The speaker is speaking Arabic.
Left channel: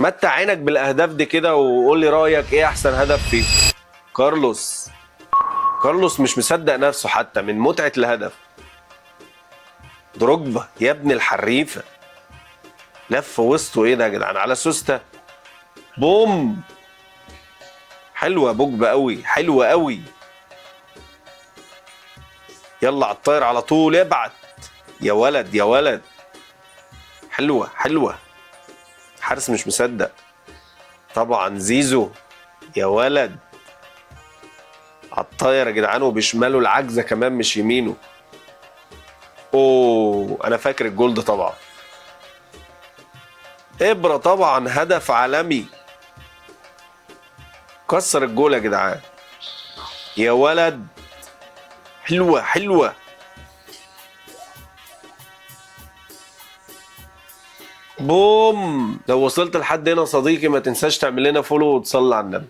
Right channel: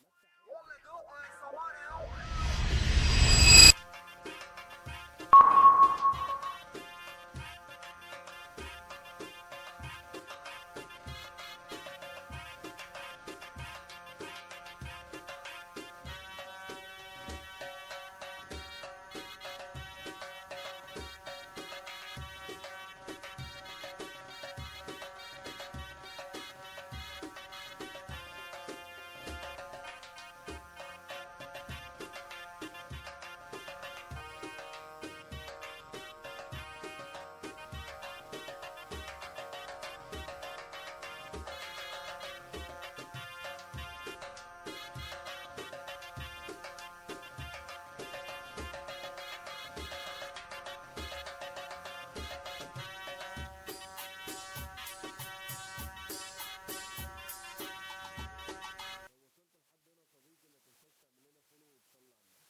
متع عينك بالاهداف دي كده وقول لي رايك ايه احسن هدف فيه. كارلوس. كارلوس مش مصدق نفسه حتى من متعه الهدف. دروجبا يا ابن الحريفه، لف وسطه ايه ده يا جدعان على سوسته. بوم. حلوه بوجبا قوي، حلوه قوي. يلا على الطاير على طول، ابعت يا ولد يا ولد. حلوه حلوه. حارس مش مصدق. طبعا زيزو يا ولد. على الطاير يا جدعان وبشماله العجزه كمان مش يمينه. اوه انا فاكر الجول ده طبعا. ابره طبعا، هدف عالمي. كسر الجول يا جدعان يا ولد. حلوه حلوه. بوم. لو وصلت لحد هنا صديقي ما تنساش تعمل لنا فولو وتصلي على النبي.